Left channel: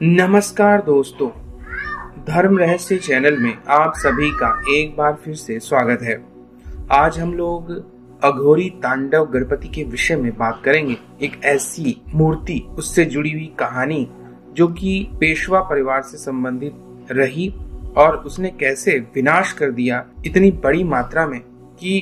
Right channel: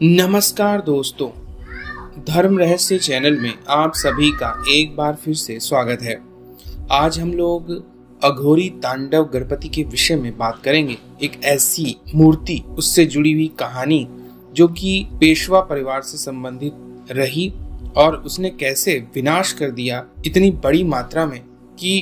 नमस्कार दोस्तों, धर्म रहस्य चैनल में आप सभी का एक बार फिर से स्वागत है। आज हम लोग अघोरी तांडव गणपति के विषय में बात करेंगे। एक ऐसी मूर्ति, उससे जुड़ी हुई कहानी जो कि पेशवा परिवार से संबंधित रही और उसने कैसे विनाश कर दिया इतनी बड़ी मात्रा में कि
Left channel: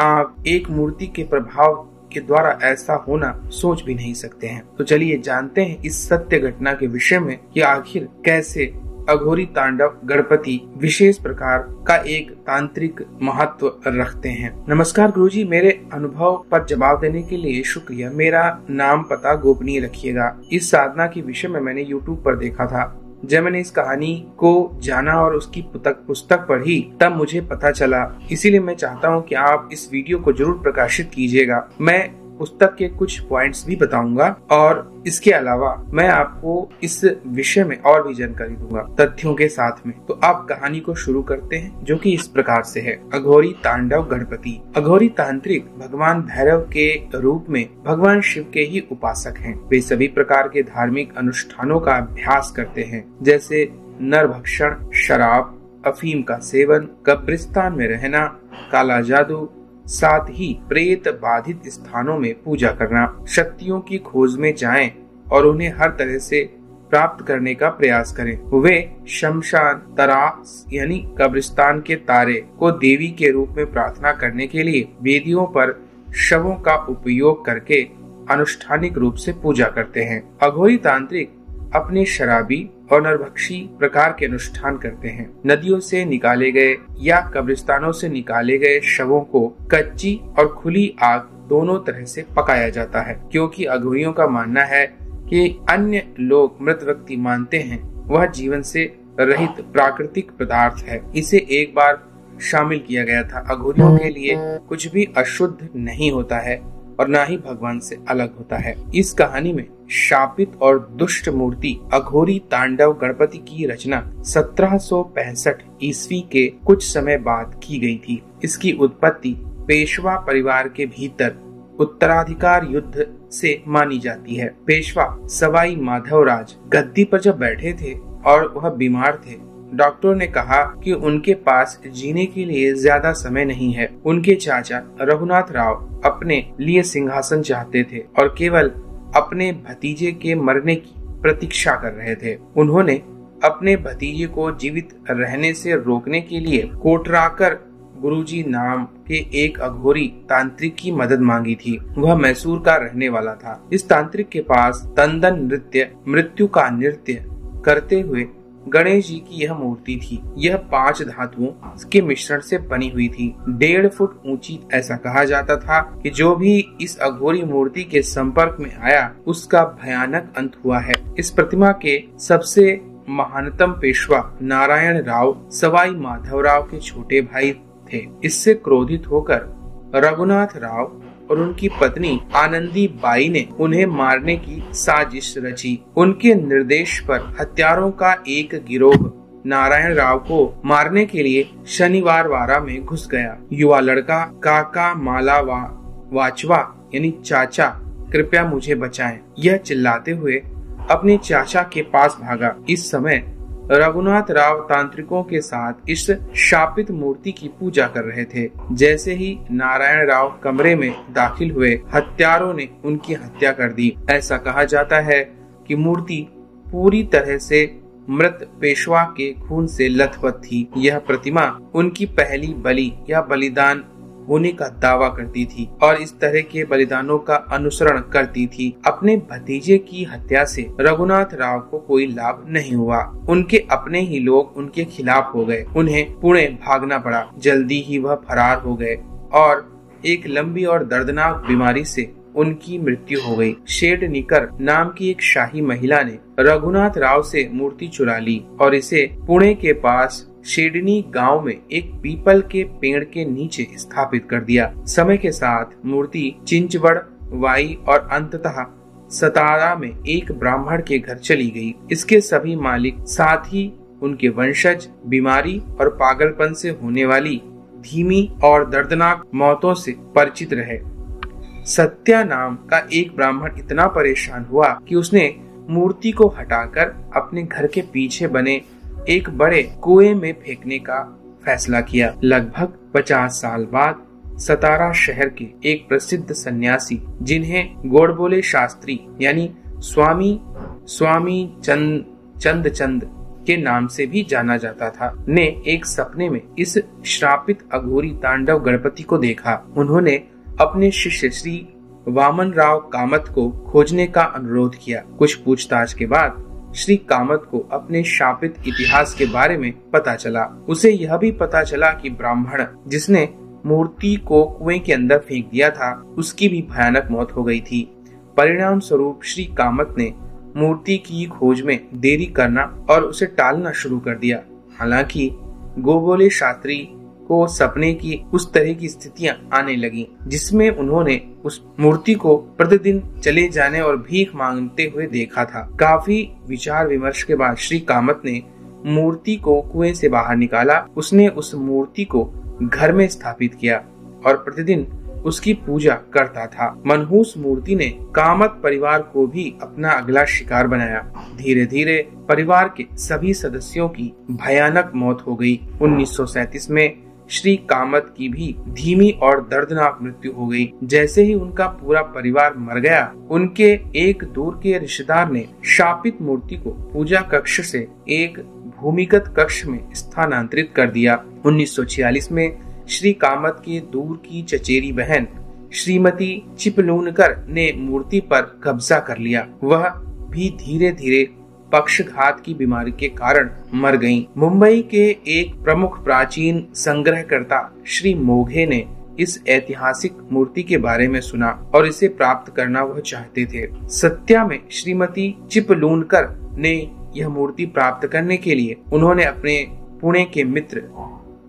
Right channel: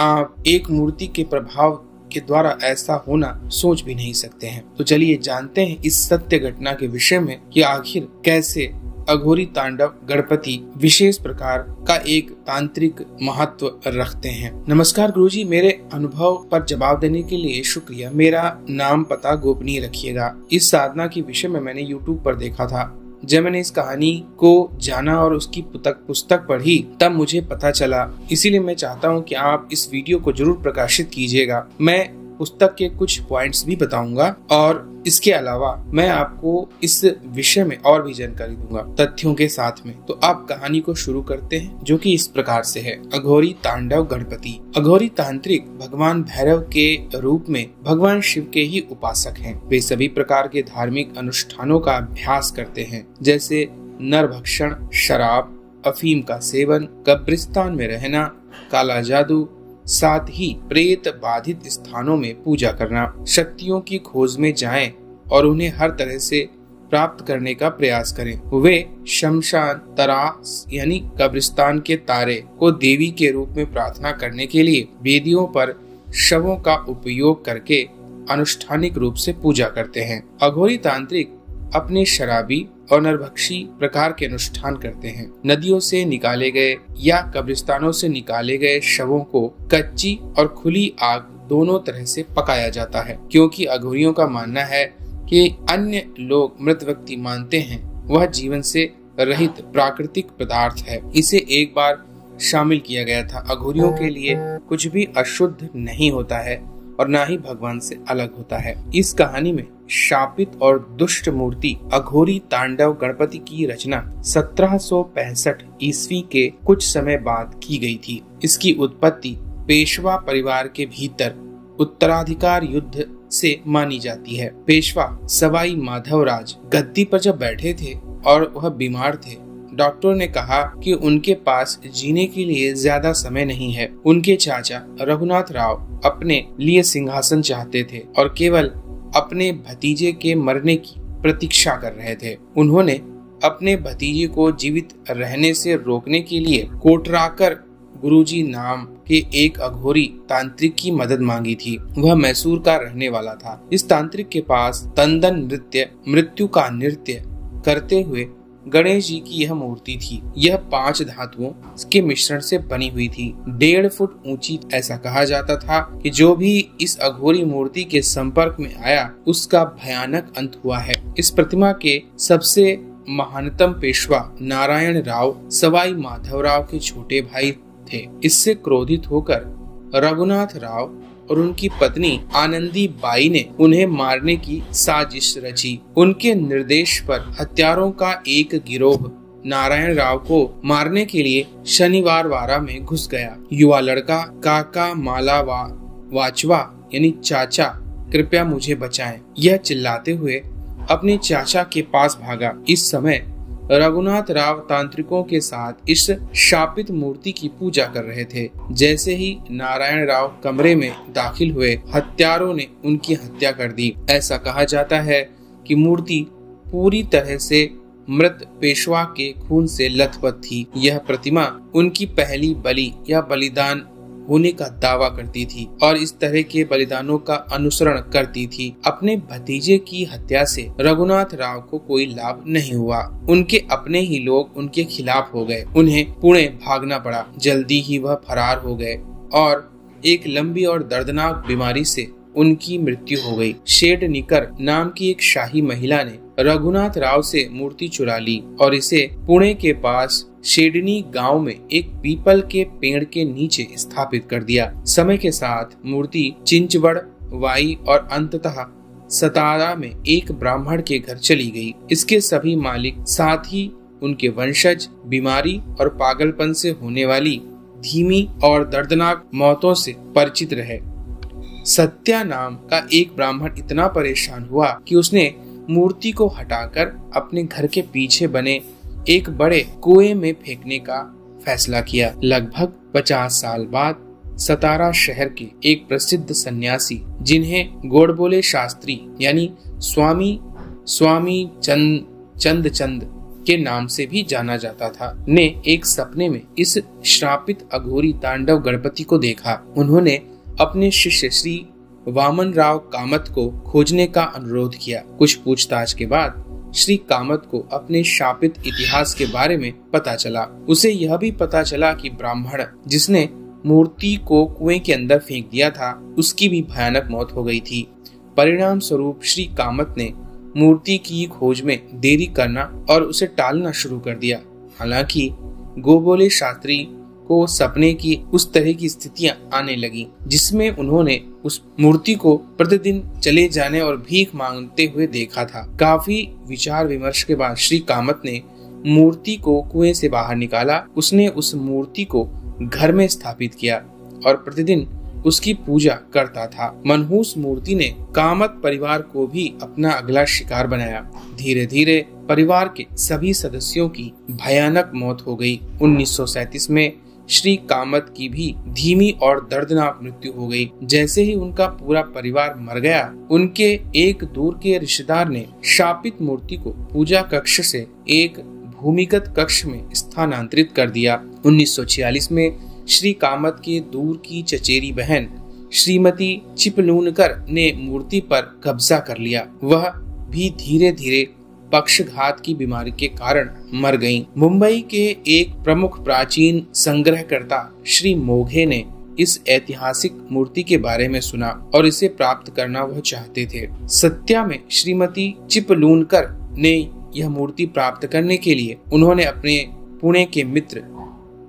आप एक मूर्ति के प्रभाव के द्वारा ऐसा होना सोच भी नहीं सकते हैं। तो चलिए जानते हैं इस सत्य घटना के विषय में कि आखिर कैसे अघोरी तांडव गणपति विशेष प्रकार का एक तांत्रिक महत्व रखते हैं। नमस्कार गुरुजी, मेरे अनुभव पर जवाब देने के लिए शुक्रिया। मेरा नाम पता गोपनीय रखिएगा। इस साधना के विषय में मैंने YouTube पर देखा था। जब मैंने इस कहानी को जाना और उसकी पुस्तक पढ़ी तब मुझे पता चला। इसीलिए मैं चाहता हूं कि आप इस वीडियो को जरूर प्रकाशित कीजिएगा। मैं पुस्तक के कुछ पॉइंट्स भी बताऊंगा और इसके अलावा मैं आपको इस विषय में और भी जानकारी दूंगा तथ्यों के साथ में। तो आप कहानी को शुरू करते हैं, जो कि इस प्रकार से है। अघोरी तांडव गणपति। अघोरी तांत्रिक भगवान भैरव के रूप में भगवान शिव के ही उपासक हैं। वे सभी प्रकार के धार्मिक अनुष्ठानों का अभ्यास करते हैं, जैसे नरभक्षण, शराब, अफीम का सेवन, कब्रिस्तान में रहना, काला जादू, साथ ही प्रेत बाधित स्थानों में पूजा करना, शक्तियों की खोज में जाएं और उन्हें हर तरह से प्राप्त करने का प्रयास करें। वे शमशान तरास यानी कब्रिस्तान के तारे को देवी के रूप में प्रार्थना करने के लिए वेदियों पर शवों का उपयोग करके अनुष्ठानिक रूप से पूजा करते हैं। अघोरी तांत्रिक अपने शराबी और नरभक्षी प्रकार के अनुष्ठान करते हैं। नदियों से निकाले गए या कब्रिस्तानों से निकाले गए शवों को कच्ची और खुली आग दोनों तरह से पकाया जाता है, क्योंकि अघोरियों का मानना है कि अन्य लोग मृत व्यक्ति मानते हैं वह जीवन से रहित प्राकृतिक पदार्थ है। इसे एक बार शामिल किया गया था। अघोरियों के लिए कुछ भी अशुद्ध नहीं होता है और ना ही भगवान से अलग होता है। इस कहानी में शापित और दुष्ट मूर्ति अघोरी तांडव गणपति की रचना 1765 ईस्वी के कुछ समय बाद की गई थी। इसकी उत्पत्ति पेशवा परिवार के भीतर उत्तराधिकार युद्ध से मानी जाती है। पेशवा सवाई माधवराज गद्दी पर जब बैठे थे और वह बीमार थे, डॉक्टर ने कहा कि उनके पास जीने के लिए ज्यादा समय नहीं है। उनके चाचा रघुनाथ राव अपने लिए सिंहासन चाहते थे और केवल अपने भतीजे के मरने की प्रतीक्षा कर रहे थे। उन्होंने अपने भतीजे को जीवित रहने से रोकने के लिए कोटराकर गुरुजी नाम के एक अघोरी तांत्रिक की मदद मांगी थी। वह मैसूर का रहने वाला था। इस तांत्रिक के पास तंदन नृत्य, मृत्यु का नृत्य करते हुए गणेश जी की यह मूर्ति थी। यह 5 धातुओं के मिश्रण से बनी हुई थी, 1.5 फुट ऊंची। ऐसा कहा जाता था कि जो भी इस अघोरी मूर्ति के संपर्क में आया उसका भयानक अंत हुआ है। इस प्रतिमा के सबसे महानतम पेशवा नारायण राव सवाई माधवराव के छोटे भाई थे। इससे क्रोधित होकर रघुनाथ राव और उनकी पत्नी आनंदी बाई ने उन्हें मारने की साजिश रची। उनके निर्देश पर हत्यारों का एक गिरोह नारायण राव को मारने के लिए शनिवार वारा में घुस गया। युवा लड़का काका माला वाचवा यानी चाचा कृपया मुझे बचाएं, यह चिल्लाते हुए अपने चाचा के पास भागा। इस समय रघुनाथ राव तांत्रिकों के साथ इस शापित मूर्ति की पूजा कर रहे थे। जैसे ही नारायण राव कमरे में दाखिल हुए, हत्यारों ने उनकी हत्या कर दी। ऐसा कहा जाता है कि मूर्ति पूरी तरह से मृत पेशवा के खून से लथपथ थी। यह प्रतिमा उनकी पहली बलि या बलिदान होने का दावा करती थी और इस तरह के बलिदानों का अनुसरण करती थी। अपने भतीजे की हत्या से रघुनाथ राव को कोई लाभ नहीं हुआ। उनके अपने ही लोग उनके खिलाफ हो गए। उन्हें पुणे भागना पड़ा। जल्दी ही वह फरार हो गए और एक लंबी और दर्दनाक बीमारी से उनकी मृत्यु हो गई। शेडनिकर नाम की एक शाही महिला ने रघुनाथ राव से मूर्ति चुरा ली और इसे पुणे के पास शेडनी गांव में एक पीपल के पेड़ के नीचे स्थापित कर दिया। समय के साथ मूर्ति चिंचवड़, वाई और अंततः सतारा में एक ब्राह्मण के घर चली गई। इसके सभी मालिक, साथ ही उनके वंशज, बीमारी और पागलपन से होने वाली धीमी और दर्दनाक मौतों से परिचित रहे। सत्या नाम का एक ब्राह्मण इतना परेशान हुआ कि उसने मूर्ति को हटाकर अपने घर के पीछे बने एक बड़े कुएं में फेंकने का फैसला किया। लगभग 50 साल बाद सतारा शहर के एक प्रसिद्ध सन्यासी, जिन्हें गोडबोले शास्त्री यानी स्वामी चंद के नाम से भी जाना जाता था, ने एक सपने में इस श्रापित अघोरी तांडव गणपति को देखा। उन्होंने अपने शिष्य श्री वामन राव कामत को खोजने का अनुरोध किया। कुछ पूछताछ के बाद श्री कामत को अपने शापित इतिहास के बारे में पता चला। उसे यह भी पता चला कि ब्राह्मण जिसने मूर्ति को कुएं के अंदर फेंक दिया था, उसकी भी भयानक मौत हो गई थी। परिणाम स्वरूप श्री कामत ने मूर्ति की खोज में देरी करना और उसे टालना शुरू कर दिया। हालांकि गोडबोले शास्त्री को सपने की उस तरह की स्थितियां आने लगी जिसमें उन्होंने उस मूर्ति को प्रतिदिन चले जाने और भीख मांगते हुए देखा था। काफी विचार विमर्श के बाद श्री कामत ने मूर्ति को कुएं से बाहर निकाला। उसने उस मूर्ति को घर में स्थापित किया और प्रतिदिन उसकी पूजा करता था। मनहूस मूर्ति ने कामत परिवार को भी अपना अगला शिकार बनाया। धीरे धीरे परिवार के सभी सदस्यों की भयानक मौत हो गई। 1937 में श्री कामत की भी धीमी और दर्दनाक मृत्यु हो गई। जैसे ही उनका पूरा परिवार मर गया, उनके एक दूर के रिश्तेदार ने शापित मूर्ति को पूजा कक्ष से एक भूमिगत कक्ष में स्थानांतरित कर दिया। 1946 में श्री कामत के दूर की चचेरी बहन श्रीमती चिपलूनकर ने मूर्ति पर कब्जा कर लिया। वह भी धीरे धीरे पक्षघात की बीमारी के कारण मर गईं। मुंबई के एक प्रमुख प्राचीन संग्रहकर्ता श्री मोघे ने इस ऐतिहासिक मूर्ति के बारे में सुना और इसे प्राप्त करना वह चाहते थे। सत्या में श्रीमती चिपलूनकर ने यह मूर्ति प्राप्त करने के लिए उन्होंने अपने पुणे के मित्र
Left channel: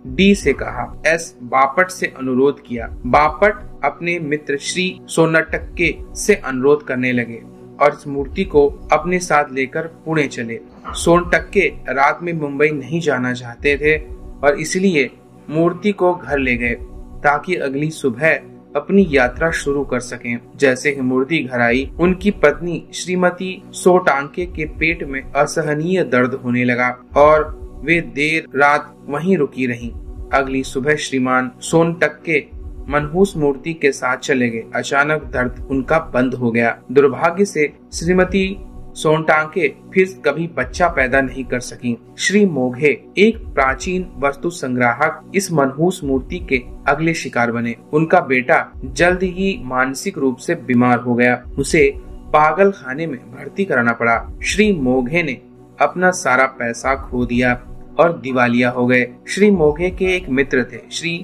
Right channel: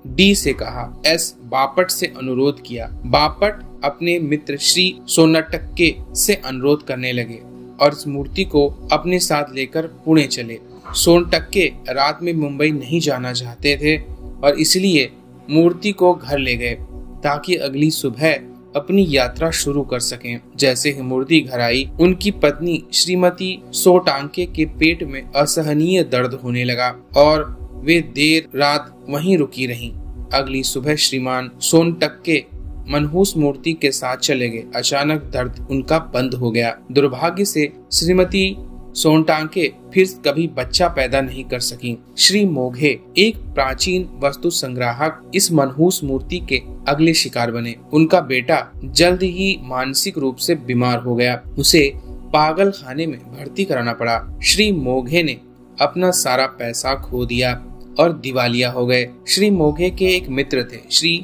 डी से कहा। एस बापट से अनुरोध किया। बापट अपने मित्र श्री सोनटक्के से अनुरोध करने लगे और इस मूर्ति को अपने साथ लेकर पुणे चले। सोनटक्के रात में मुंबई नहीं जाना चाहते थे और इसलिए मूर्ति को घर ले गए ताकि अगली सुबह अपनी यात्रा शुरू कर सकें। जैसे ही मूर्ति घर आई, उनकी पत्नी श्रीमती सोटांके के पेट में असहनीय दर्द होने लगा और वे देर रात वहीं रुकी रहीं। अगली सुबह श्रीमान सोनटक्के मनहूस मूर्ति के साथ चले गए। अचानक दर्द उनका बंद हो गया। दुर्भाग्य से श्रीमती सोनटांके फिर कभी बच्चा पैदा नहीं कर सकी। श्री मोघे एक प्राचीन वस्तु संग्राहक इस मनहूस मूर्ति के अगले शिकार बने। उनका बेटा जल्द ही मानसिक रूप से बीमार हो गया। उसे पागल खाने में भर्ती कराना पड़ा। श्री मोघे ने अपना सारा पैसा खो दिया और दिवालिया हो गए। श्री मोघे के एक मित्र थे, श्री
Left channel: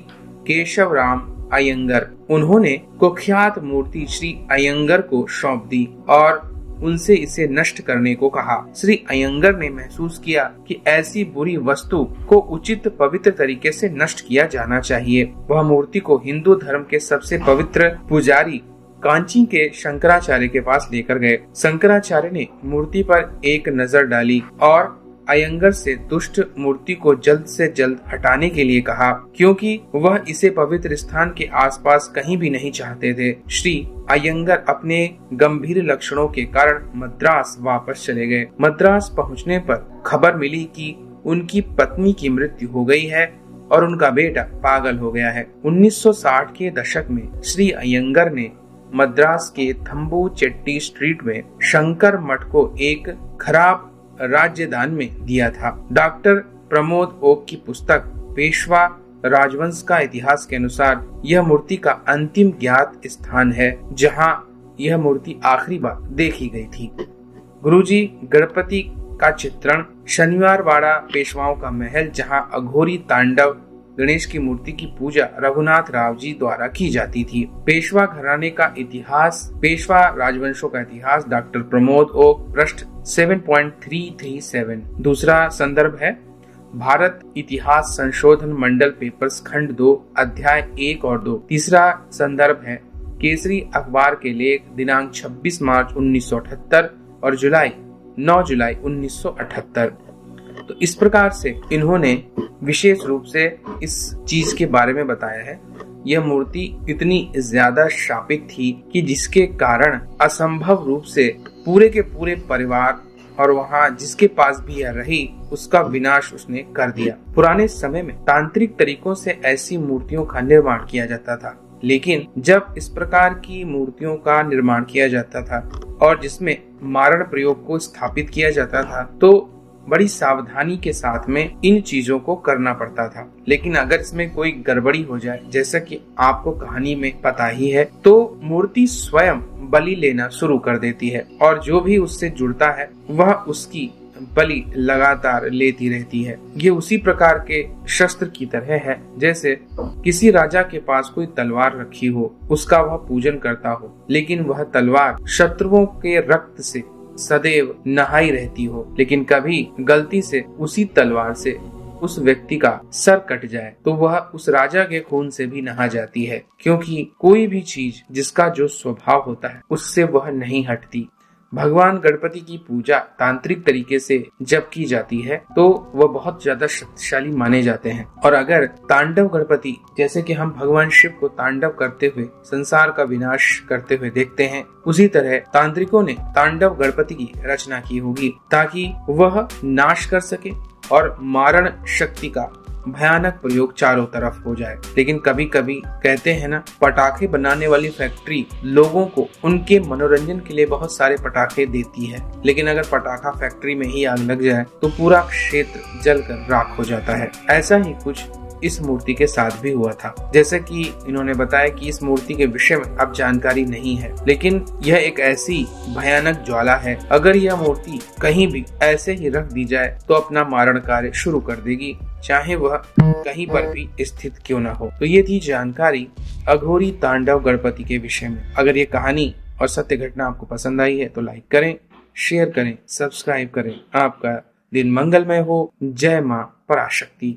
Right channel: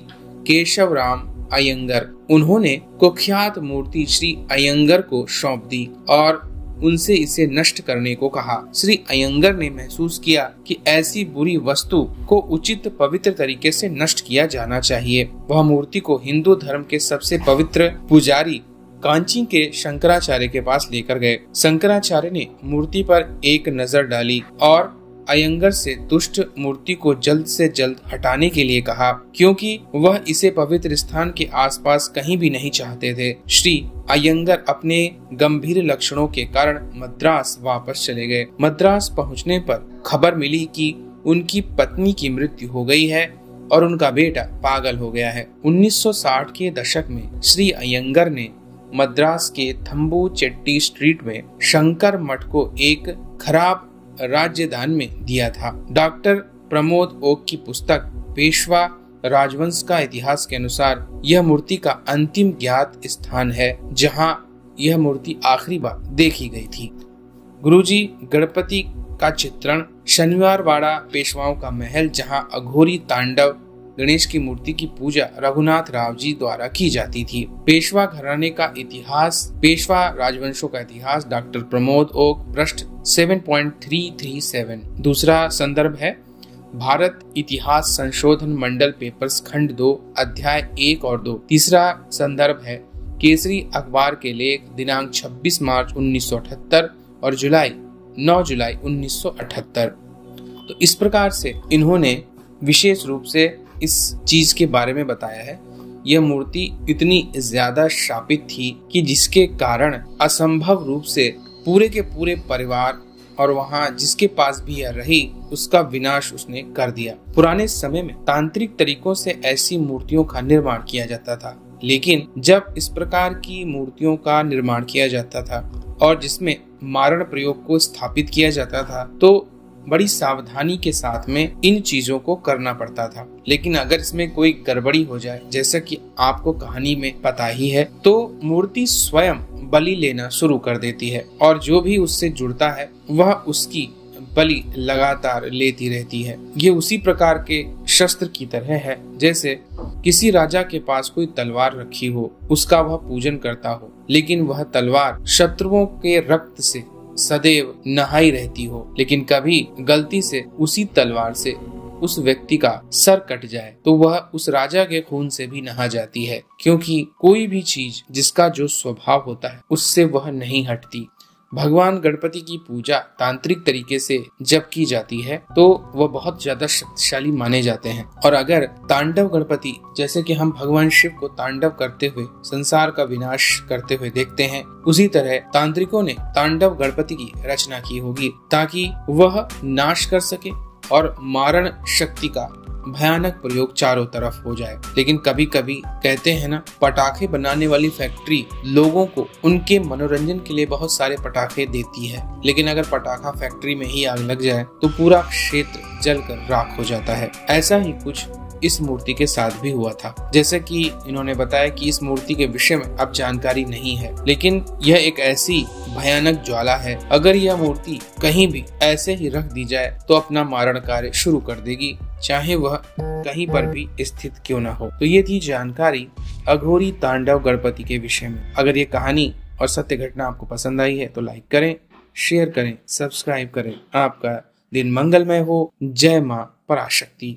केशव राम अयंगर। उन्होंने कुख्यात मूर्ति श्री अयंगर को सौंप दी और उनसे इसे नष्ट करने को कहा। श्री अयंगर ने महसूस किया कि ऐसी बुरी वस्तु को उचित पवित्र तरीके से नष्ट किया जाना चाहिए। वह मूर्ति को हिंदू धर्म के सबसे पवित्र पुजारी कांची के शंकराचार्य के पास लेकर गए। शंकराचार्य ने मूर्ति पर एक नजर डाली और अयंगर से दुष्ट मूर्ति को जल्द से जल्द हटाने के लिए कहा, क्योंकि वह इसे पवित्र स्थान के आसपास कहीं भी नहीं चाहते थे। श्री अयंगर अपने गंभीर लक्षणों के कारण मद्रास वापस चले गए। मद्रास पहुंचने पर खबर मिली कि उनकी पत्नी की मृत्यु हो गई है और उनका बेटा पागल हो गया है। 1960 के दशक में श्री अयंगर ने मद्रास के थम्बू चेट्टी स्ट्रीट में शंकर मठ को एक खराब राज्यदान में दिया था। डॉक्टर प्रमोद ओक की पुस्तक पेशवा राजवंश का इतिहास के अनुसार यह मूर्ति का अंतिम ज्ञात स्थान है जहां यह मूर्ति आखिरी बार देखी गई थी। गुरुजी गणपति का चित्रण शनिवार वाड़ा पेशवाओं का महल, जहां अघोरी तांडव गणेश की मूर्ति की पूजा रघुनाथ राव जी द्वारा की जाती थी। पेशवा घराने का इतिहास, पेशवा राजवंशों का इतिहास, डॉक्टर प्रमोद ओक, पृष्ठ 7.337। दूसरा संदर्भ है भारत इतिहास संशोधन मंडल पेपर्स खंड 2 अध्याय 1 और 2। तीसरा संदर्भ है केसरी अखबार के लेख दिनांक 26 मार्च 1978 और 9 जुलाई 1978। तो इस प्रकार से इन्होंने विशेष रूप से इस चीज के बारे में बताया है। यह मूर्ति इतनी ज्यादा शापित थी कि जिसके कारण असंभव रूप से पूरे के पूरे परिवार और वहाँ जिसके पास भी यह रही उसका विनाश उसने कर दिया। पुराने समय में तांत्रिक तरीकों से ऐसी मूर्तियों का निर्माण किया जाता था, लेकिन जब इस प्रकार की मूर्तियों का निर्माण किया जाता था और जिसमें मारण प्रयोग को स्थापित किया जाता था तो बड़ी सावधानी के साथ में इन चीजों को करना पड़ता था। लेकिन अगर इसमें कोई गड़बड़ी हो जाए, जैसा कि आपको कहानी में पता ही है, तो मूर्ति स्वयं बलि लेना शुरू कर देती है और जो भी उससे जुड़ता है वह उसकी बलि लगातार लेती रहती है। ये उसी प्रकार के शस्त्र की तरह है जैसे किसी राजा के पास कोई तलवार रखी हो, उसका वह पूजन करता हो, लेकिन वह तलवार शत्रुओं के रक्त से सदैव नहाई रहती हो, लेकिन कभी गलती से उसी तलवार से उस व्यक्ति का सर कट जाए तो वह उस राजा के खून से भी नहा जाती है, क्योंकि कोई भी चीज जिसका जो स्वभाव होता है उससे वह नहीं हटती। भगवान गणपति की पूजा तांत्रिक तरीके से जब की जाती है तो वह बहुत ज्यादा शक्तिशाली माने जाते हैं। और अगर तांडव गणपति, जैसे कि हम भगवान शिव को तांडव करते हुए संसार का विनाश करते हुए देखते हैं, उसी तरह तांत्रिकों ने तांडव गणपति की रचना की होगी ताकि वह नाश कर सके और मारण शक्ति का भयानक प्रयोग चारों तरफ हो जाए। लेकिन कभी कभी कहते हैं ना, पटाखे बनाने वाली फैक्ट्री लोगों को उनके मनोरंजन के लिए बहुत सारे पटाखे देती है, लेकिन अगर पटाखा फैक्ट्री में ही आग लग जाए तो पूरा क्षेत्र जलकर राख हो जाता है। ऐसा ही कुछ इस मूर्ति के साथ भी हुआ था। जैसे कि इन्होंने बताया कि इस मूर्ति के विषय में अब जानकारी नहीं है, लेकिन यह एक ऐसी भयानक ज्वाला है, अगर यह मूर्ति कहीं भी ऐसे ही रख दी जाए तो अपना मारण कार्य शुरू कर देगी, चाहे वह कहीं पर भी स्थित क्यों न हो। तो ये थी जानकारी अघोरी तांडव गणपति के विषय में। अगर ये कहानी और सत्य घटना आपको पसंद आई है तो लाइक करें, शेयर करें, सब्सक्राइब करें। आपका दिन मंगलमय हो। जय मां पराशक्ति।